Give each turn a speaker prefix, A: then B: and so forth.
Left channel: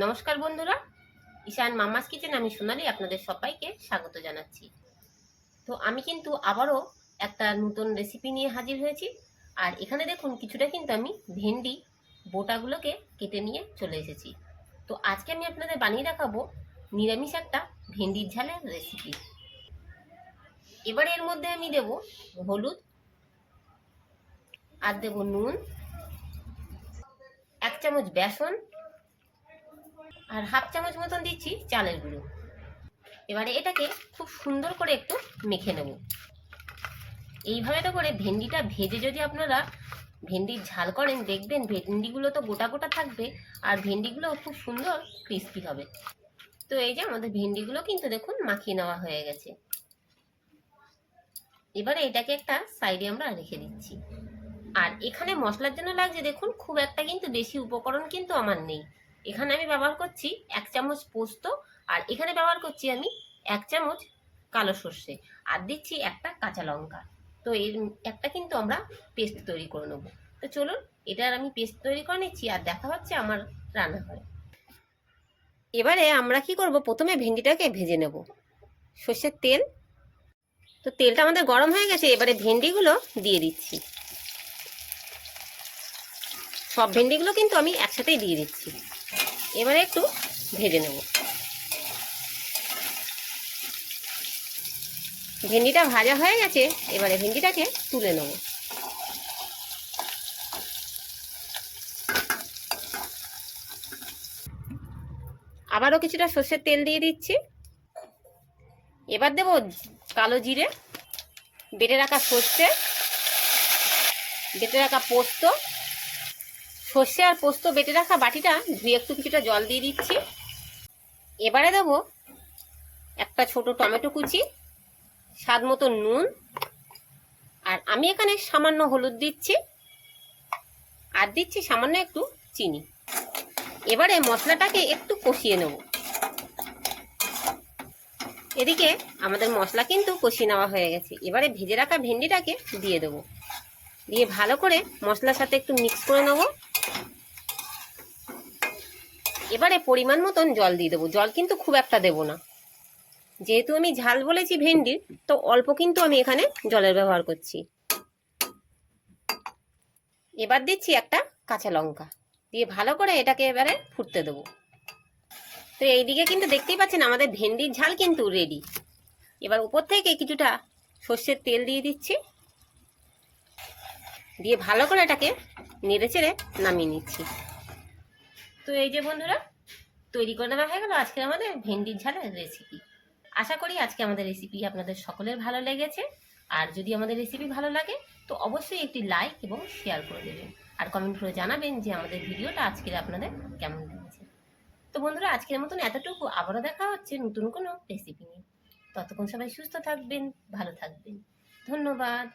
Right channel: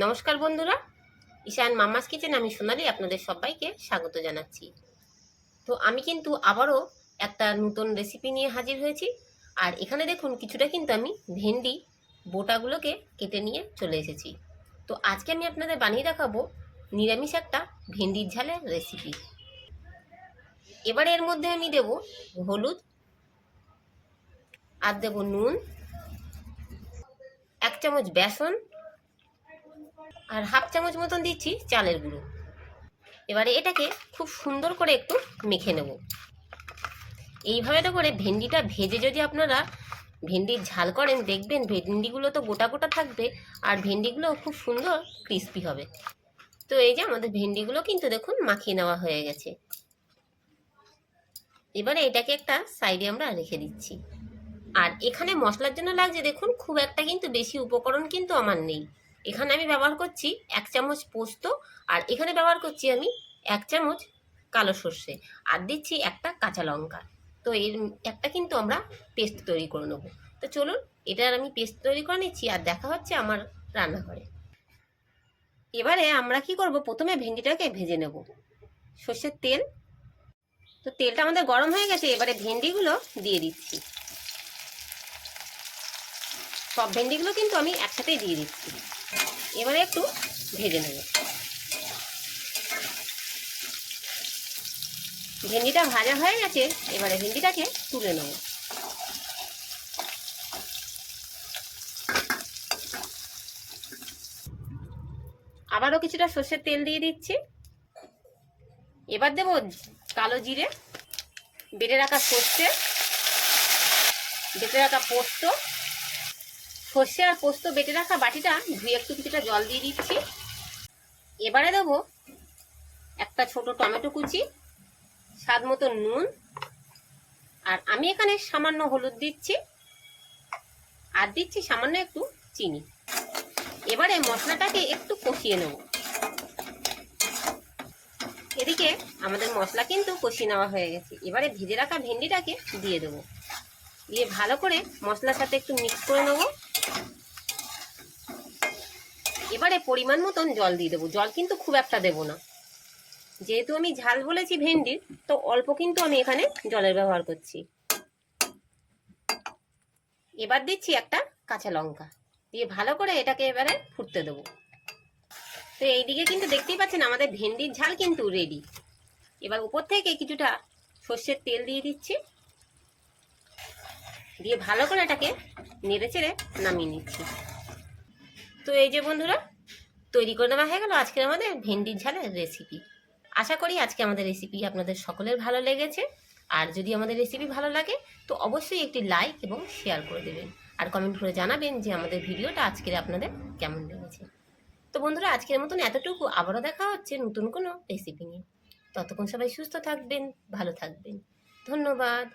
A: নমস্কার বন্ধুরা, ঈশান মামাস কিচেন, আমি সোনালি আপনাদের সবাইকে স্বাগত জানাচ্ছি। তো আমি কিন্তু আবারও একটা নতুন রেসিপি নিয়ে হাজির হয়েছি। আর এখানে দেখুন, কিছুটা কিন্তু আমি ভেন্ডি বোটাগুলোকে কেটে নিয়ে চলে এসেছি। তো আজকে আমি আপনাদের বানিয়ে দেখাবো নিরামিষ একটা ভেন্ডির ঝালের রেসিপি এবার এর মধ্যে আমি দেব হলুদ, আর দেব নুন, এক চামচ বেসন আর হাফ চামচ মতন দিচ্ছি চালের গুঁড়ো। এবারে এটাকে খুব সুন্দর করে একটু মেখে নেব। এইভাবে তো করে ভেন্ডিটা ভেজে যদি আপনারা ভেন্ডির ঝাল করেন, দেখবেন ভেন্ডিগুলো তো গোটা গোটা থাকবে আর ভেন্ডিগুলো খুব সুন্দর ক্রিস্পি হবে। তো এই যে আমাদের ভেন্ডিগুলো কিন্তু দেখুন মাখিয়ে নেওয়া হয়ে গেছে। এবারে এটাকে একটা সাইডে আমরা রেখে দিচ্ছি। আর এখানে মশলার জন্য লাগছে দেখুন, খুব একটা কিন্তু বেশি উপকরণ কিন্তু আমার নেই। এখানে আমি ব্যবহার করছি এক চামচ পোস্ত আর এখানে ব্যবহার করছি আমি এক চামচ কালো সর্ষে আর দিচ্ছি একটা কাঁচা লঙ্কা। তো এর একটা কিন্তু আমরা পেস্ট তৈরি করে নেব। তো চলুন এটার আমি পেস্ট তৈরি করে নিচ্ছি আর দেখা হচ্ছে আমার রান্নাঘরে। এবারে আমরা কি করব? প্রথমে ভেন্ডিটাকে ভেজে নেব। সর্ষের তেল। তো তেলটা আমাদের গরম হয়ে গেছে, এবারে ভেন্ডিগুলো দিয়ে দিচ্ছি। সব ভেন্ডিগুলো কিন্তু আমি একসাথেই দিয়ে দিচ্ছি। এবারে একটু ভেজে নেব। ভেন্ডিটা ভাজা হয়ে গেছে, এবারে ভেন্ডিটাকে তুলে নেব। আবারও কিছুটা সর্ষের তেল দিয়ে দিচ্ছি। এবার দেব কালো জিরে, বেটে রাখা সর্ষে, বেটে রাখা পোস্ত সর্ষে আর পোস্ত বেটে রাখা বাটিটা ধুয়ে একটু কিছুটা জল দিয়ে দিচ্ছি। এবারে দেব একটা ছোট টমেটো কুচি, স্বাদ মতো নুন, আর আমি এখানে সামান্য হলুদ দিচ্ছি, আর দিচ্ছি সামান্য একটু চিনি। এবারে মশলাটাকে একটু কষিয়ে নেব। এদিকে আমাদের মশলা কিন্তু কষিয়ে নেওয়া হয়ে গেছে। এবারে ভেজে রাখা ভেন্ডিটাকে দিয়ে দেবো। দিয়ে ভালো করে মশলার সাথে একটু মিক্স করে নেব। এবারে পরিমাণ মতন জল দিয়ে দেবো। জল কিন্তু খুব একটা দেবো না। যেহেতু আমি ঝাল বলেছি ভেন্ডির, তো অল্প কিন্তু আমি এখানে জলের ব্যবহার করছি। এবার দিচ্ছি একটা কাঁচা লঙ্কা। দিয়ে ভালো করে এটাকে এবারে ফুটতে দেবো। তো এইদিকে কিন্তু দেখতেই পাচ্ছেন আমাদের ভেন্ডির ঝাল কিন্তু রেডি এবার উপর থেকে কিছুটা সর্ষের তেল দিয়ে দিচ্ছি। দিয়ে ভালো করে এটাকে নেড়ে চেড়ে নামিয়ে নিচ্ছি। তো এই যে বন্ধুরা, তৈরি করে দেওয়া হয়ে গেল আজকে আমাদের ভেন্ডির ঝালের রেসিপি আশা করি আজকে আমাদের রেসিপি আপনাদের সকলের ভালো লেগেছে। আর যদি আমাদের রেসিপি ভালো লাগে, তো অবশ্যই একটি লাইক এবং শেয়ার করে দেবেন। আর কমেন্ট করে জানাবেন যে আমাদের ভিডিওটা আজকের আপনাদের কেমন লেগেছে। তো বন্ধুরা, আজকের মতন এতটুকু। আবারও দেখা হচ্ছে নতুন কোনো রেসিপি নিয়ে। ততক্ষণ সবাই সুস্থ থাকবেন, ভালো থাকবেন। ধন্যবাদ।